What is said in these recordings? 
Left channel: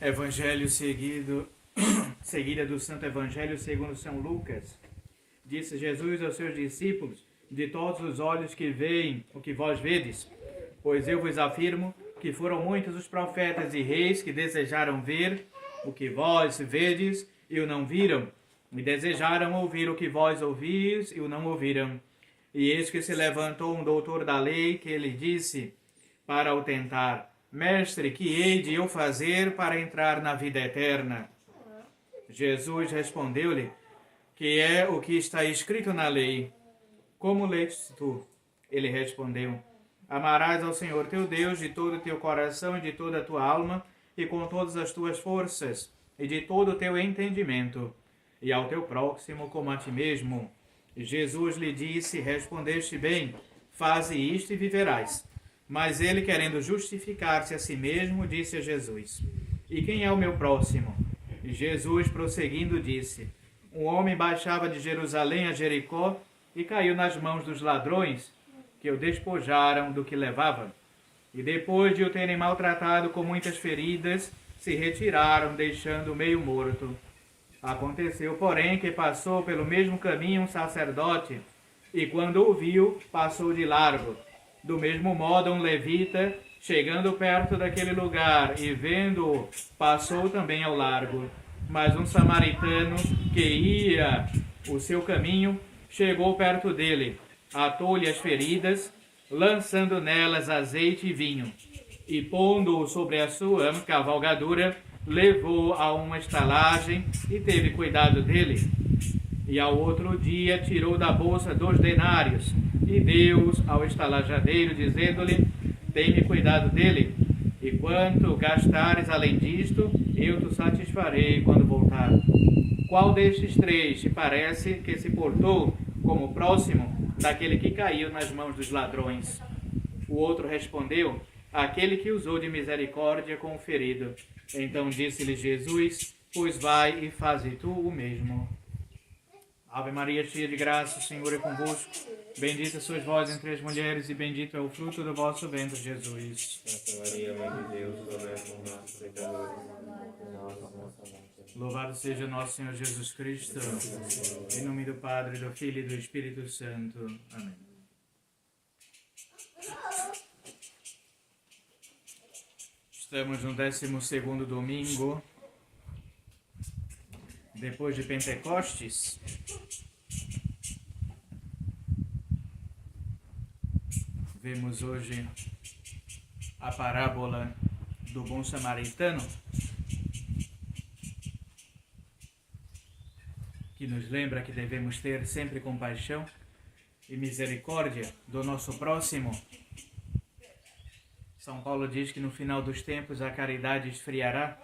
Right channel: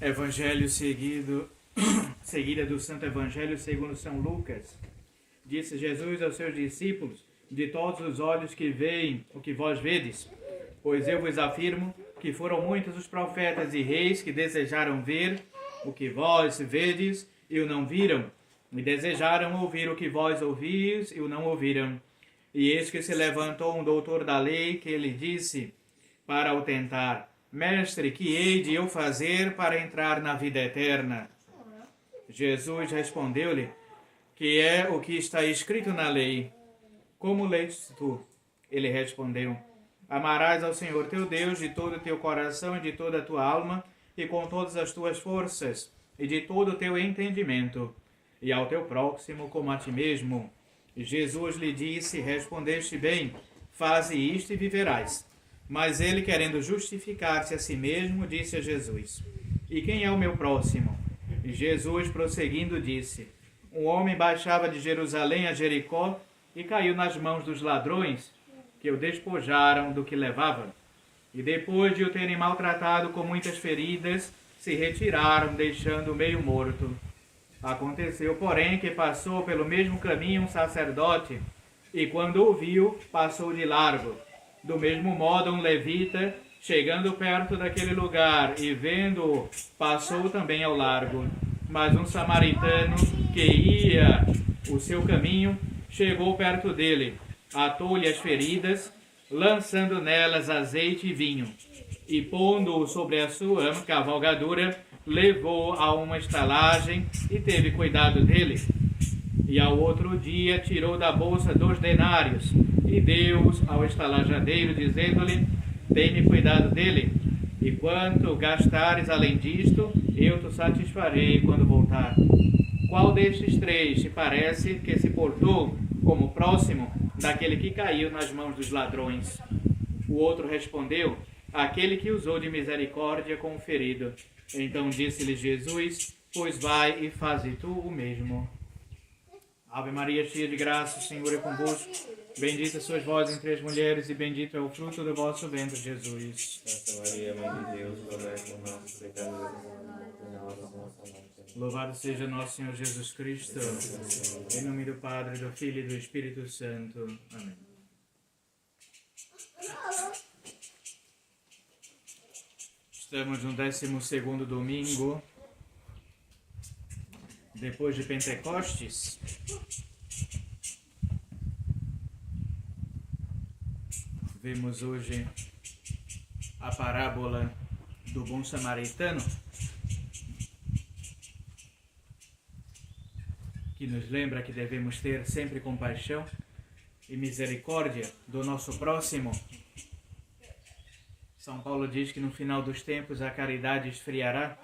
Evangelho seguida do Santo Evangelho segundo São Lucas. Disse Jesus aos seus discípulos: de todos os olhos que veem o que vós vedes, pois eu vos afirmo que foram muitos os profetas e reis que desejaram ver o que vós vedes e o não viram, e desejaram ouvir o que vós ouvis e o não ouviram. E eis que se levantou um doutor da lei que lhe disse, para o tentar: Mestre, que hei de eu fazer para entrar na vida eterna? Jesus respondeu-lhe: que é o que está escrito na lei? Como lês tu? Ele respondeu: amarás ao Senhor teu Deus de todo o teu coração e de toda a tua alma e com todas as tuas forças e de todo o teu entendimento, e ao teu próximo como a ti mesmo. E Jesus lhe disse: respondeste bem, faze isto e viverás. Mas ele, querendo justificar-se a si mesmo, disse a Jesus: e quem é o meu próximo? E Jesus, prosseguindo, disse: um homem baixava de Jerusalém a Jericó e caiu nas mãos dos ladrões, que o despojaram do que levava. E depois de o terem maltratado com muitas feridas, se retiraram, deixando-o meio morto. Aconteceu, porém, que passou pelo mesmo caminho um sacerdote, e quando o viu, passou de largo. Do mesmo modo, um levita, chegando perto daquele lugar e vendo-o, passou também ao largo. Mas um samaritano, que ia o seu caminho, chegou perto dele, atou-lhe as feridas, lançando nelas azeite e vinho, e pondo-o sobre a sua cavalgadura, levou-o a uma estalagem e teve cuidado dele. E ao outro dia tirou da bolsa 2 denários e deu-os ao estalajadeiro, dizendo-lhe: tem-me cuidado dele, e quanto gastares além disto, eu te satisfarei quando voltar. Qual destes 3 te parece que se portou como próximo daquele que caiu nas mãos dos ladrões? O outro respondeu: aquele que usou de misericórdia com o ferido. Então disse-lhe Jesus: pois vai e faze tu o mesmo. Ave Maria, cheia de graça, o Senhor é convosco. Bendita sois vós entre as mulheres, e bendito é o fruto do vosso ventre, Jesus. Santa Maria, Mãe de Deus, rogai por nós, pecadores, agora e na hora da nossa morte. Louvado seja nosso Senhor Jesus Cristo. Em nome do Padre, do Filho e do Espírito Santo. Amém. Estamos no 12º domingo depois de Pentecostes. Vemos hoje a parábola do bom samaritano, que nos lembra que devemos ter sempre compaixão e misericórdia do nosso próximo. São Paulo diz que no final dos tempos a caridade esfriará.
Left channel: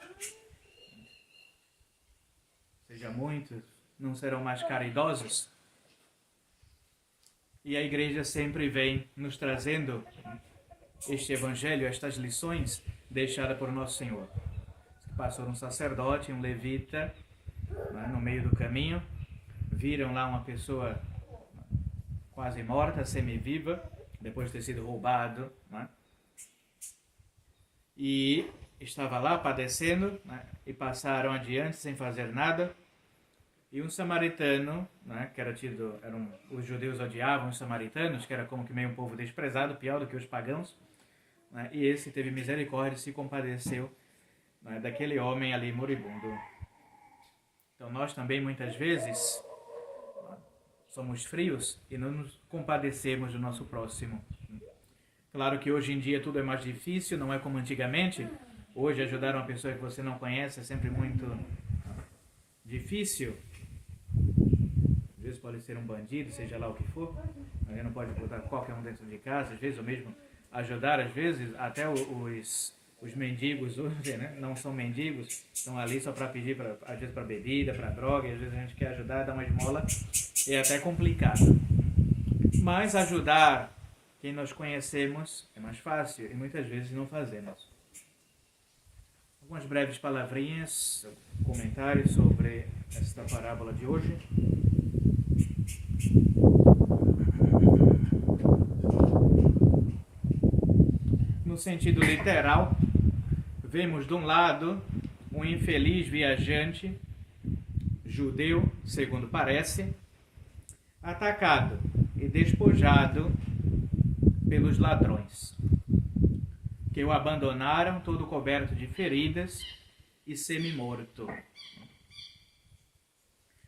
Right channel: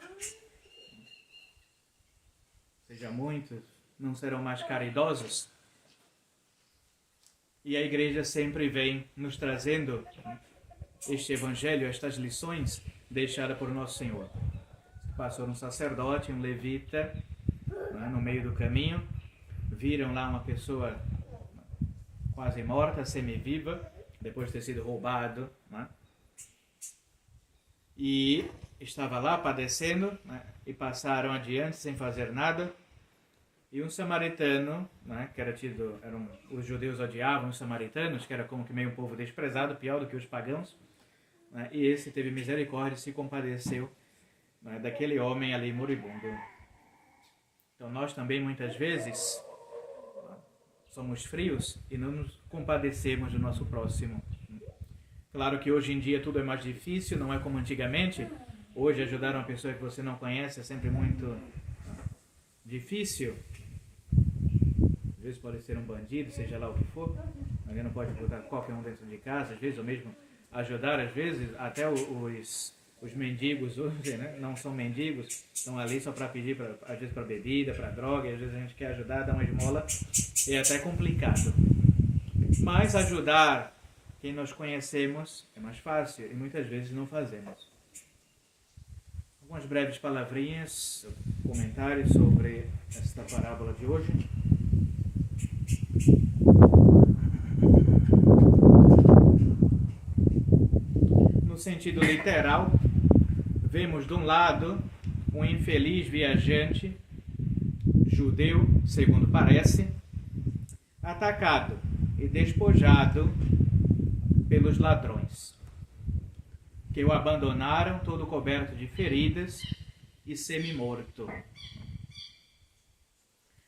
Ou seja, muitos não serão mais caridosos. E a igreja sempre vem nos trazendo este evangelho, estas lições deixadas por Nosso Senhor. Passou um sacerdote, um levita, no meio do caminho, viram lá uma pessoa quase morta, semi-viva, depois de ter sido roubado, e estava lá padecendo, e passaram adiante sem fazer nada. E um samaritano, que era tido, os judeus odiavam os samaritanos, que era como que meio um povo desprezado, pior do que os pagãos, e esse teve misericórdia e se compadeceu daquele homem ali moribundo. Então nós também muitas vezes somos frios e não nos compadecemos do nosso próximo. Claro que hoje em dia tudo é mais difícil, não é como antigamente. Hoje ajudar uma pessoa que você não conhece é sempre muito difícil. Às vezes pode ser um bandido, seja lá o que for. Alguém não pode botar qualquer um dentro de casa, às vezes, ou mesmo ajudar, às vezes, até os mendigos hoje, não são mendigos, estão ali só para pedir, às vezes para bebida, para droga, e às vezes a gente quer ajudar, dar uma esmola, é até complicado. Mas ajudar quem nós conhecemos é mais fácil e muitas vezes não fazemos. Algumas breves palavrinhas, comentários sobre esta parábola de hoje. No sentido literal, vemos de um lado um infeliz viajante, judeu, segundo parece, atacado e despojado pelos ladrões, que o abandonaram todo coberto de feridas e semi-morto.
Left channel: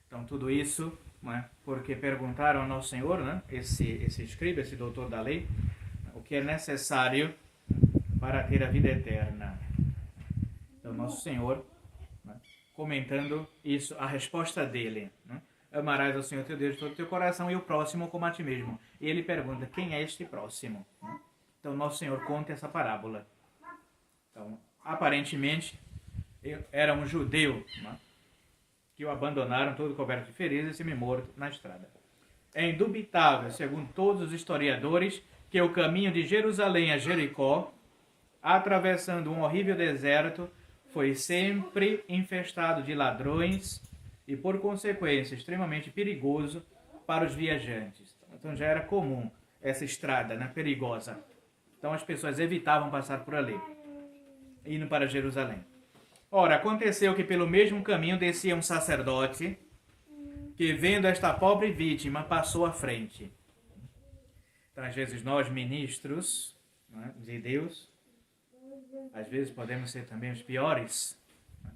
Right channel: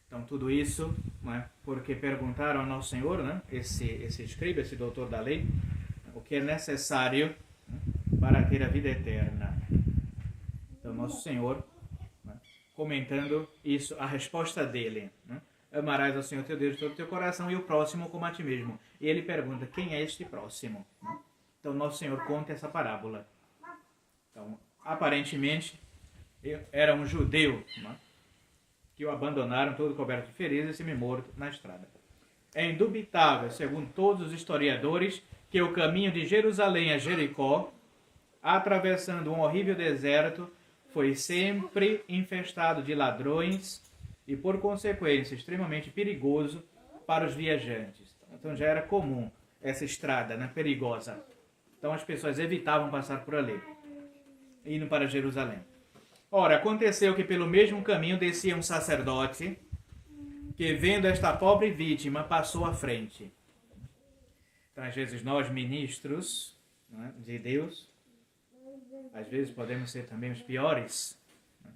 Então, tudo isso, né, porque perguntaram ao Nosso Senhor, né, esse escriba, esse doutor da lei, o que é necessário para ter a vida eterna. Então, Nosso Senhor, né, comentando isso, a resposta dele, né, amarás ao Senhor teu Deus de todo o teu coração e o próximo como a ti mesmo. E ele pergunta, quem é este próximo? Então, Nosso Senhor conta essa parábola. Então, aparentemente, era um judeu, né, que o abandonaram todo coberto de feridas e semi-morto na estrada. É indubitável, segundo todos os historiadores, que o caminho de Jerusalém a Jericó, atravessando um horrível deserto, foi sempre infestado de ladrões e, por consequência, extremamente perigoso para os viajantes. Então já era comum essa estrada, né, perigosa. Então as pessoas evitavam passar por ali, indo para Jerusalém. Ora, aconteceu que pelo mesmo caminho descia um sacerdote que, vendo esta pobre vítima, passou à frente. Então, às vezes, nós, ministros, né, de Deus, às vezes podemos ser também os piores, né,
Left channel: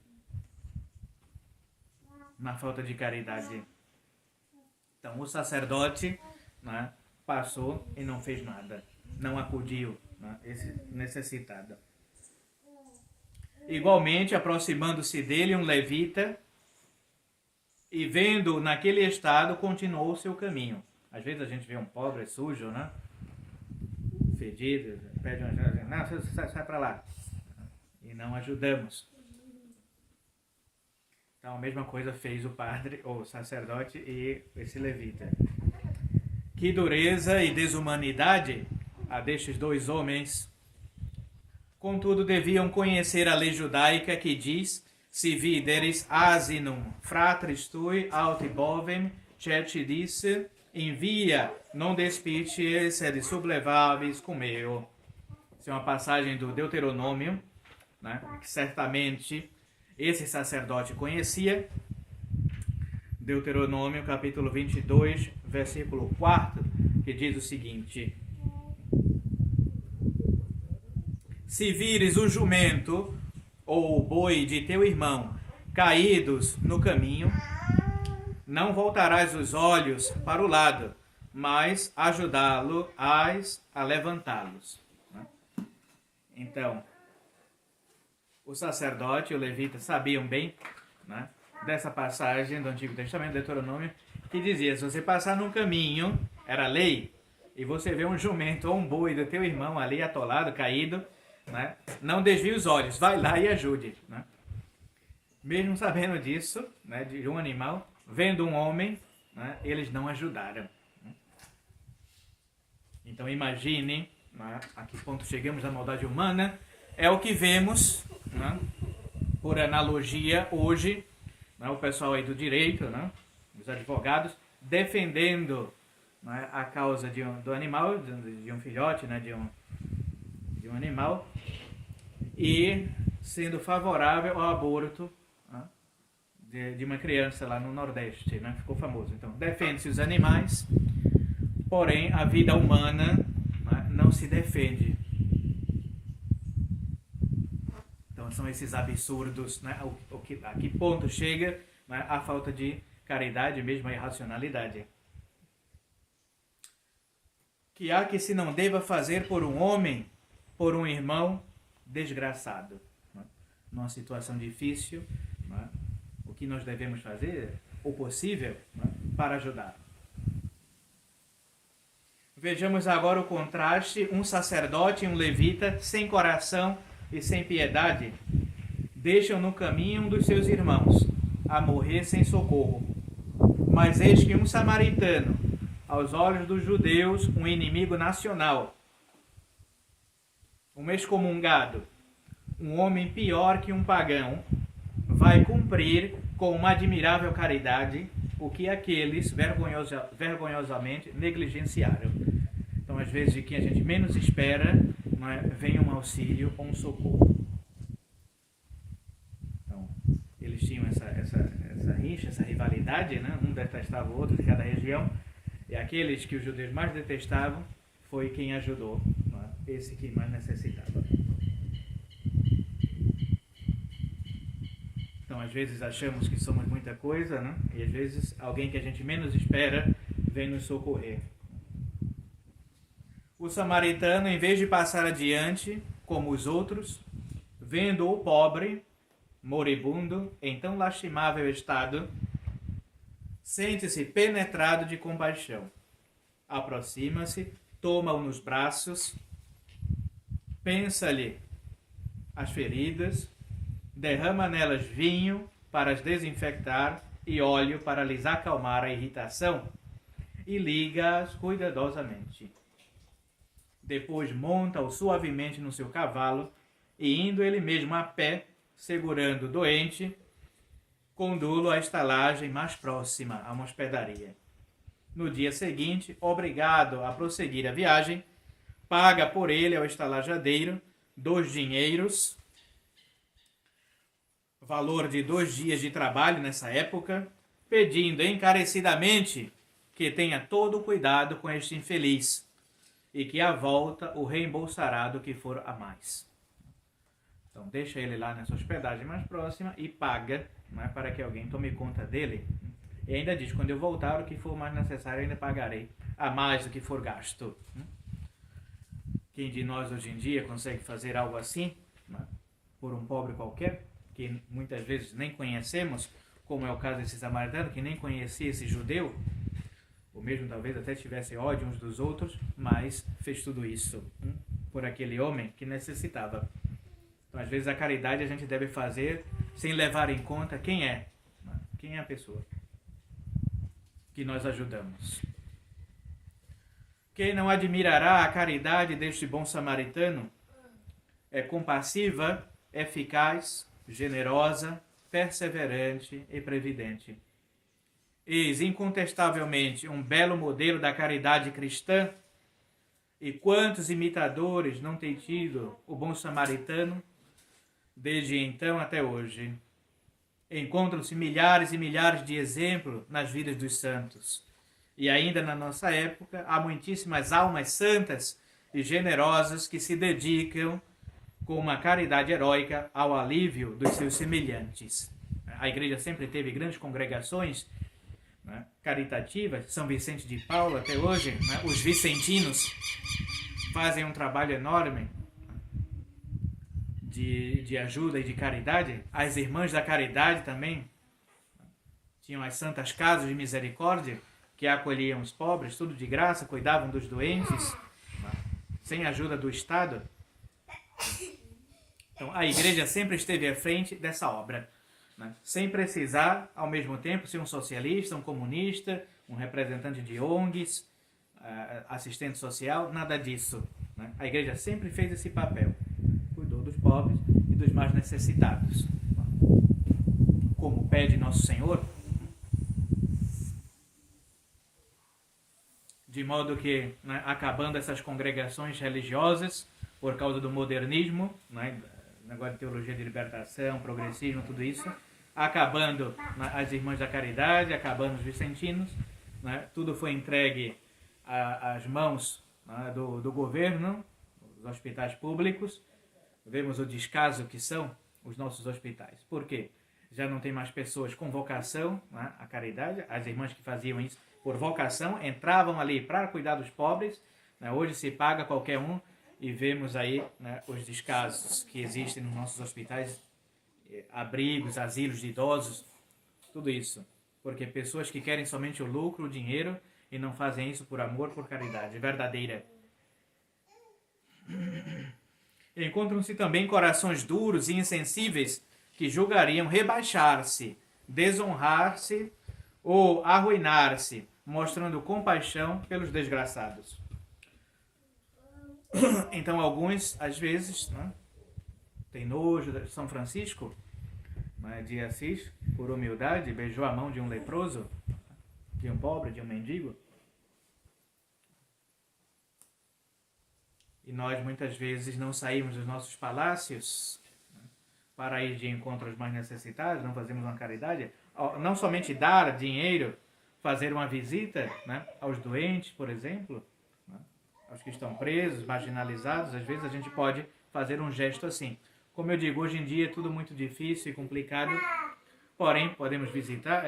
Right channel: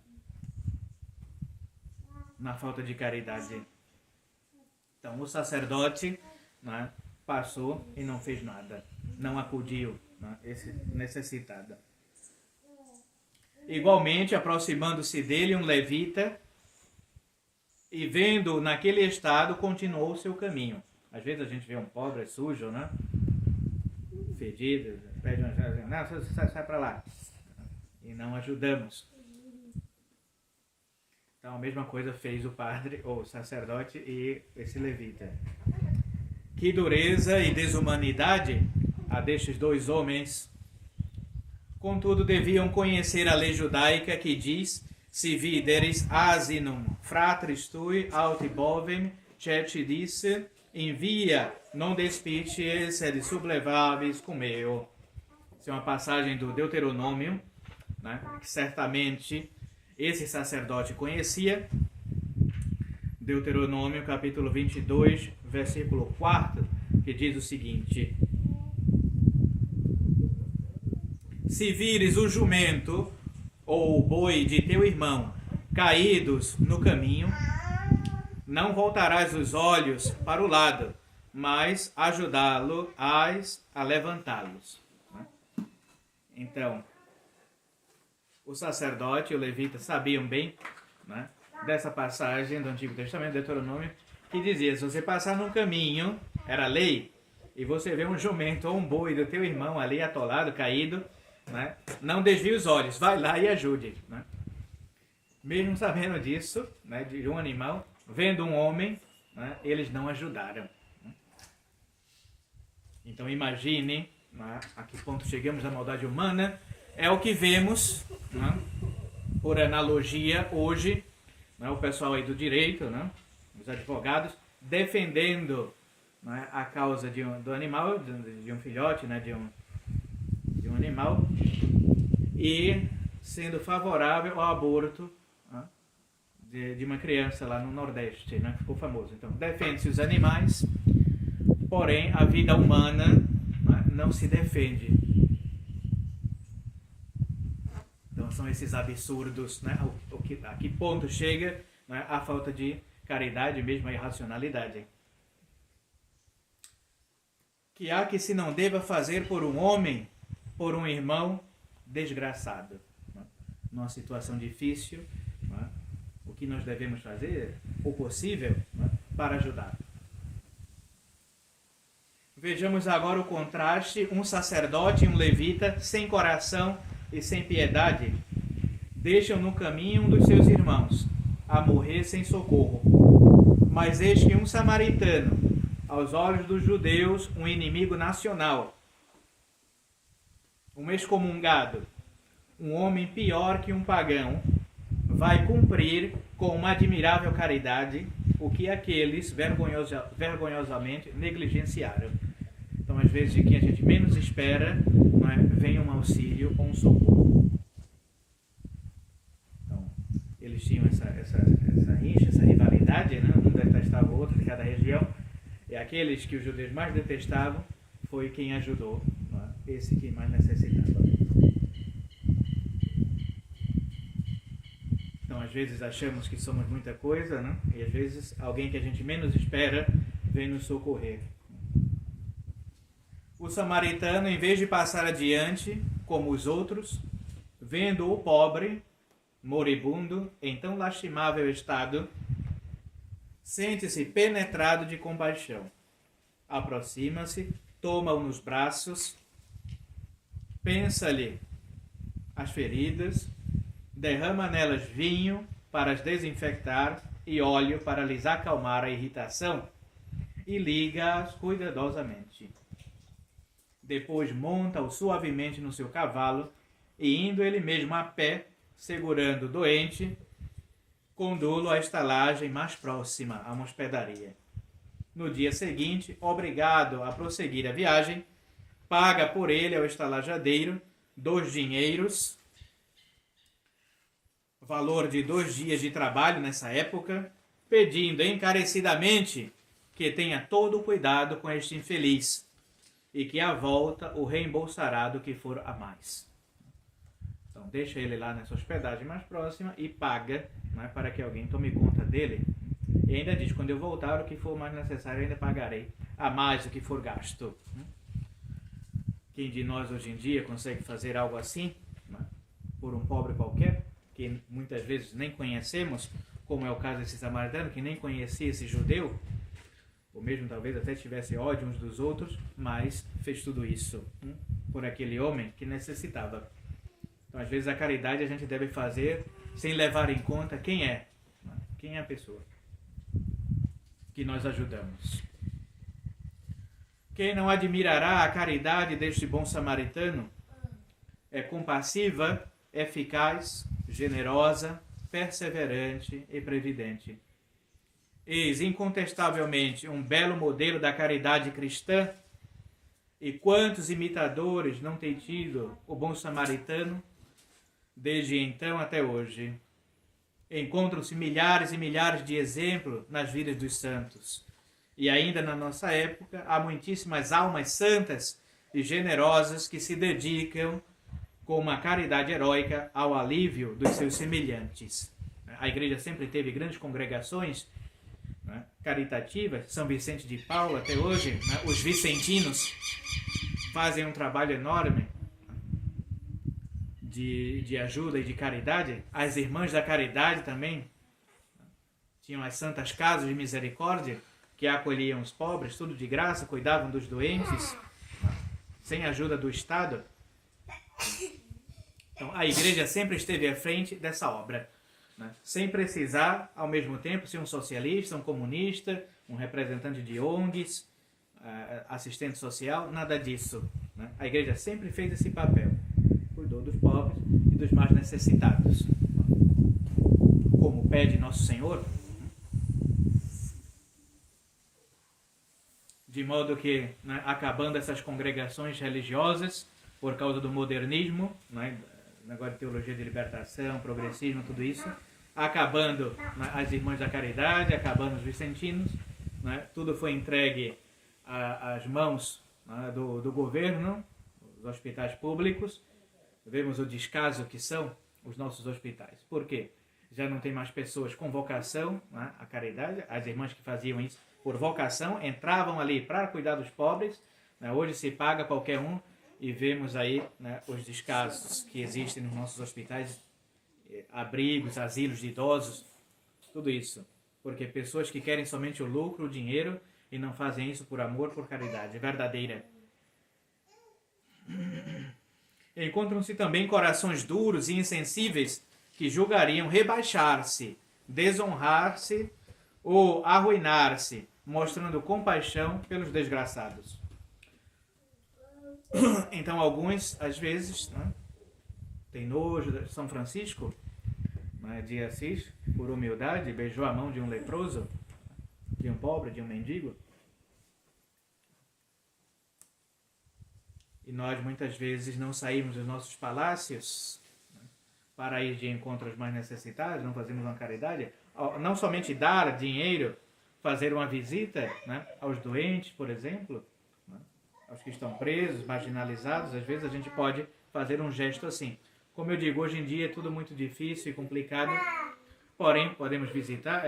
na falta de caridade. Então, o sacerdote, né, passou e não fez nada, não acudiu, né, esse necessitado. Igualmente, aproximando-se dele um levita, e vendo-o naquele estado, continuou o seu caminho. Às vezes a gente vê um pobre sujo, né? Fedido, pede uma ajuda, não, sai para lá. E não ajudamos. Então a mesma coisa fez o padre, ou o sacerdote e esse levita. Que dureza e desumanidade a destes dois homens! Contudo, deviam conhecer a lei judaica que diz: si videris asinum fratris tui aut bovem cetidisse, envia non despicies sed sublevabis cum eo. Isso é uma passagem do Deuteronômio, né, que certamente esse sacerdote conhecia. Deuteronômio, capítulo 22, versículo 4, que diz o seguinte: se vires o jumento ou o boi de teu irmão caídos no caminho, não voltarás os olhos para o lado, mas ajudá-lo-ás a levantá-los. Então, o sacerdote e o levita sabiam bem, né, dessa passagem do Antigo Testamento, Deuteronômio, que dizia: se você passar num caminho, era lei, e você vê um jumento ou um boi do teu irmão ali atolado, caído, né, não desvie os olhos, vai lá e ajude. Né? Mesmo sabendo disso, né, de um animal, vendo um homem, né, eles não ajudaram. Então imagine, né, a que ponto chegamos da maldade humana. É o que vemos, né, por analogia hoje, né, o pessoal aí do direito, né, os advogados, defendendo, né, a causa do animal, de um filhote, né, de um animal, e sendo favorável ao aborto, né, de uma criança lá no Nordeste, né, que ficou famoso. Então, defende-se os animais, porém a vida humana, né, não se defende. Então, são esses absurdos, né, a que ponto chega, né, a falta de caridade, mesmo a irracionalidade. Que há que se não deva fazer por um homem, por um irmão desgraçado, né? Numa situação difícil, né? O que nós devemos fazer, o possível, né, para ajudar. Vejamos agora o contraste: um sacerdote e um levita, sem coração e sem piedade, deixam no caminho um dos seus irmãos, a morrer sem socorro. Mas eis que um samaritano, aos olhos dos judeus, um inimigo nacional, um excomungado, um homem pior que um pagão, vai cumprir com uma admirável caridade o que aqueles vergonhosamente negligenciaram. Então, às vezes, de quem a gente menos espera, né, vem um auxílio ou um socorro. Então, tinham essa rixa, essa rivalidade, né? Um detestava o outro de cada região, e aqueles que os judeus mais detestavam foi quem ajudou, né? Esse que mais necessitava. Então, às vezes achamos que somos muita coisa, né? E às vezes alguém que a gente menos espera vem nos socorrer. O samaritano, em vez de passar adiante, como os outros, vendo o pobre, moribundo, em tão lastimável estado, sente-se penetrado de compaixão. Aproxima-se, toma-o nos braços, pensa-lhe as feridas, derrama nelas vinho para as desinfectar e óleo para lhes acalmar a irritação e liga-as cuidadosamente. Depois monta-o suavemente no seu cavalo e, indo ele mesmo a pé, segurando o doente, conduz-o à estalagem mais próxima a uma hospedaria. No dia seguinte, obrigado a prosseguir a viagem, paga por ele ao estalajadeiro 2 dinheiros, valor de 2 dias de trabalho nessa época, pedindo encarecidamente que tenha todo o cuidado com este infeliz e que à volta o reembolsará do que for a mais. Então deixa ele lá nessa hospedagem mais próxima e paga, né, para que alguém tome conta dele. E ainda diz, quando eu voltar, o que for mais necessário eu ainda pagarei a mais do que for gasto. Quem de nós hoje em dia consegue fazer algo assim, né, por um pobre qualquer, que muitas vezes nem conhecemos, como é o caso desse samaritano, que nem conhecia esse judeu, ou mesmo talvez até tivesse ódio uns dos outros, mas fez tudo isso por aquele homem que necessitava. Então, às vezes, a caridade a gente deve fazer sem levar em conta quem é a pessoa que nós ajudamos. Quem não admirará a caridade deste bom samaritano? É compassiva, eficaz, generosa, perseverante e previdente. Eis incontestavelmente um belo modelo da caridade cristã. E quantos imitadores não tem tido o bom samaritano desde então até hoje? Encontram-se milhares e milhares de exemplos nas vidas dos santos. E ainda na nossa época há muitíssimas almas santas e generosas que se dedicam com uma caridade heróica ao alívio dos seus semelhantes. A igreja sempre teve grandes congregações, né, caritativas. São Vicente de Paulo até hoje, né, os vicentinos fazem um trabalho enorme de ajuda e de caridade. As irmãs da caridade também tinham as santas casas de misericórdia que acolhiam os pobres, tudo de graça, cuidavam dos doentes, sem ajuda do Estado. Então a igreja sempre esteve à frente dessa obra, né? Sem precisar, ao mesmo tempo, ser um socialista, um comunista, um representante de ONGs, assistente social, nada disso, né? A igreja sempre fez esse papel, cuidou dos pobres e dos mais necessitados, como pede Nosso Senhor, de modo que, né, acabando essas congregações religiosas por causa do modernismo, né, negócio de teologia de libertação, progressismo, tudo isso, acabando, né, as irmãs da caridade, acabando os vicentinos, né, tudo foi entregue às mãos, né, do governo, dos hospitais públicos. Vemos o descaso que são os nossos hospitais. Por quê? Já não tem mais pessoas com vocação, né, à caridade. As irmãs que faziam isso por vocação entravam ali para cuidar dos pobres, né. Hoje se paga qualquer um e vemos aí, né, os descasos que existem nos nossos hospitais, abrigos, asilos de idosos, tudo isso. Porque pessoas que querem somente o lucro, o dinheiro, e não fazem isso por amor, por caridade verdadeira. Encontram-se também corações duros e insensíveis que julgariam rebaixar-se, desonrar-se ou arruinar-se, mostrando compaixão pelos desgraçados. Então alguns, às vezes, né, tem nojo de São Francisco, né, de Assis, por humildade, beijou a mão de um leproso, de um pobre, de um mendigo. E nós muitas vezes não saímos dos nossos palácios, né, para ir de encontro aos mais necessitados, não fazemos uma caridade, não somente dar dinheiro, fazer uma visita, né, aos doentes, por exemplo, né, aos que estão presos, marginalizados, às vezes a gente pode fazer um gesto assim. Como eu digo, hoje em dia é tudo muito difícil e complicado, porém podemos visitar,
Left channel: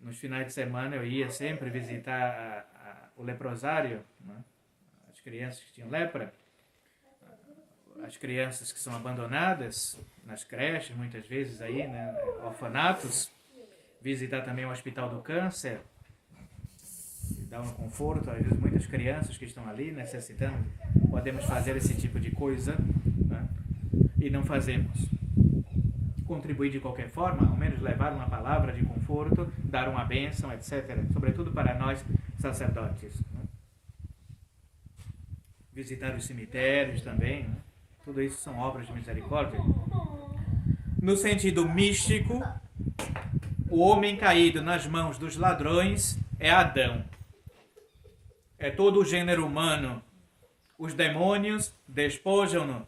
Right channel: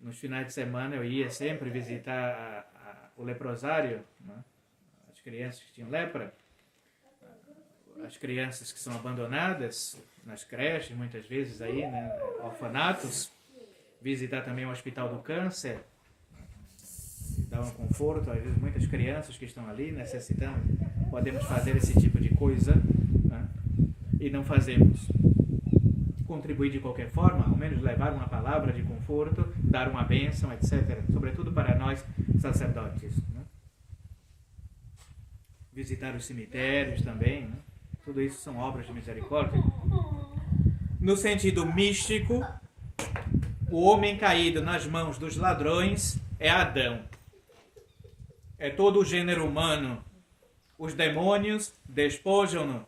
nos finais de semana eu ia sempre visitar o leprosário, né, as crianças que tinham lepra, as crianças que são abandonadas nas creches, muitas vezes aí, né, orfanatos, visitar também o Hospital do Câncer, dar um conforto, às vezes muitas crianças que estão ali necessitando, podemos fazer esse tipo de coisa, né, e não fazemos. Contribuir de qualquer forma, ao menos levar uma palavra de conforto, dar uma bênção, etc. Sobretudo para nós sacerdotes. Né? Visitar os cemitérios também, né? Tudo isso são obras de misericórdia. No sentido místico, o homem caído nas mãos dos ladrões é Adão. É todo o gênero humano. Os demônios despojam-no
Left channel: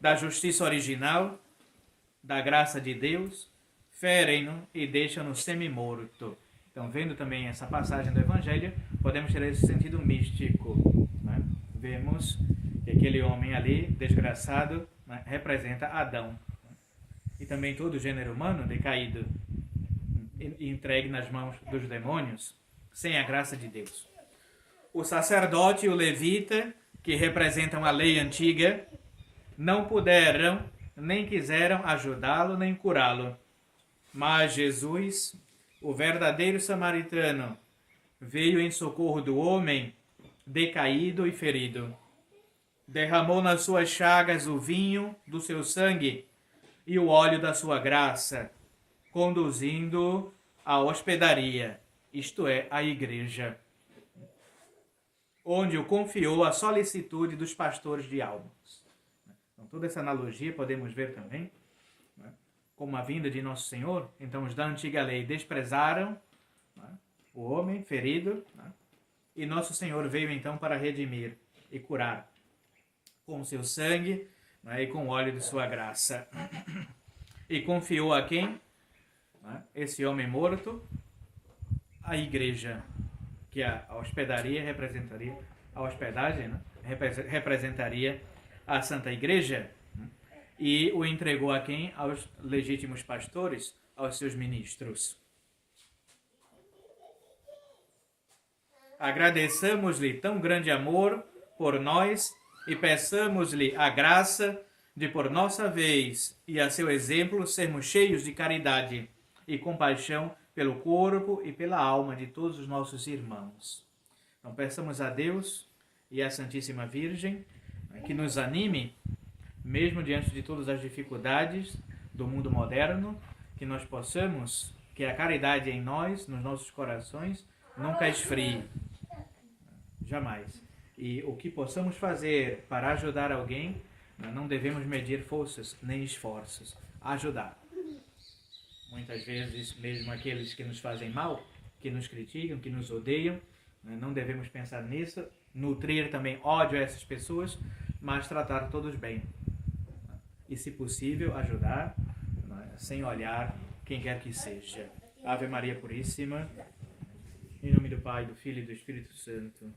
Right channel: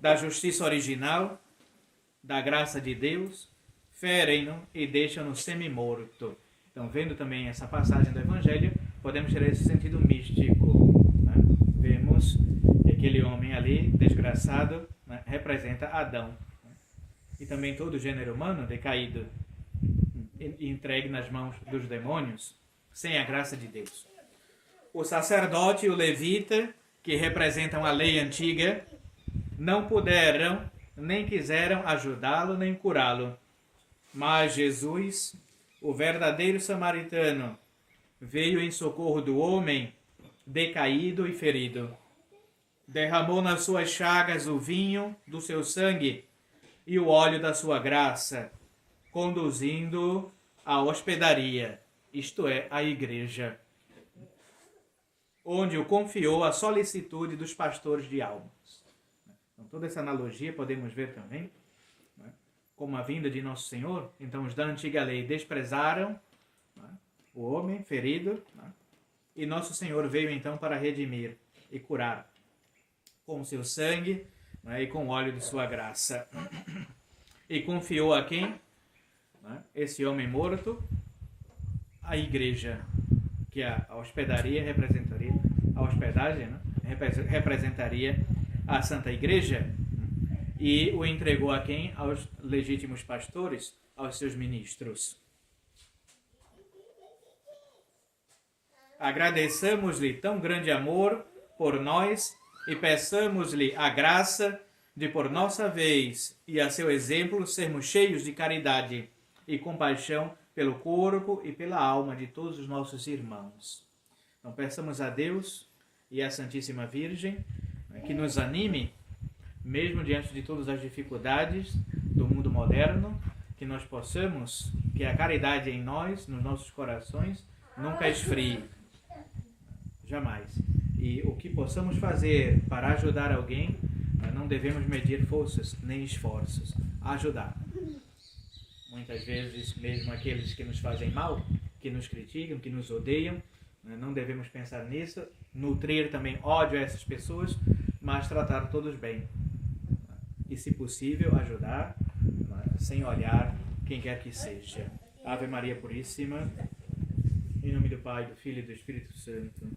da justiça original, da graça de Deus, ferem-no e deixam-no semi-morto. Então, vendo também essa passagem do Evangelho, podemos ter esse sentido místico. Né? Vemos que aquele homem ali, desgraçado, né, representa Adão. E também todo o gênero humano decaído, entregue nas mãos dos demônios, sem a graça de Deus. O sacerdote e o levita, que representam a lei antiga, não puderam, nem quiseram ajudá-lo, nem curá-lo. Mas Jesus, o verdadeiro samaritano, veio em socorro do homem decaído e ferido. Derramou nas suas chagas o vinho do seu sangue e o óleo da sua graça, conduzindo-o à hospedaria, isto é, à igreja, onde o confiou à solicitude dos pastores de almas. Então, toda essa analogia podemos ver também, né, como a vinda de Nosso Senhor. Então, os da antiga lei desprezaram, né, o homem ferido, né, e Nosso Senhor veio então para redimir e curar com o seu sangue, né, e com o óleo de sua graça. E confiou a quem? Né, esse homem morto, a igreja, que a hospedaria representaria, a hospedagem, né, representaria a Santa Igreja, e o entregou a quem? Aos legítimos pastores, aos seus ministros. Agradeçamos-lhe tão grande amor por nós e peçamos-lhe a graça de, por nossa vez e a seu exemplo, sermos cheios de caridade e compaixão pelo corpo e pela alma de todos os nossos irmãos. Então, peçamos a Deus e à Santíssima Virgem que nos anime, mesmo diante de todas as dificuldades do mundo moderno, que nós possamos, que a caridade em nós, nos nossos corações, nunca esfrie, jamais. E o que possamos fazer para ajudar alguém, não devemos medir forças nem esforços. Ajudar. Muitas vezes, mesmo aqueles que nos fazem mal, que nos criticam, que nos odeiam, não devemos pensar nisso, nutrir também ódio a essas pessoas, mas tratar todos bem. E, se possível, ajudar, sem olhar quem quer que seja. Ave Maria Puríssima, em nome do Pai, do Filho e do Espírito Santo.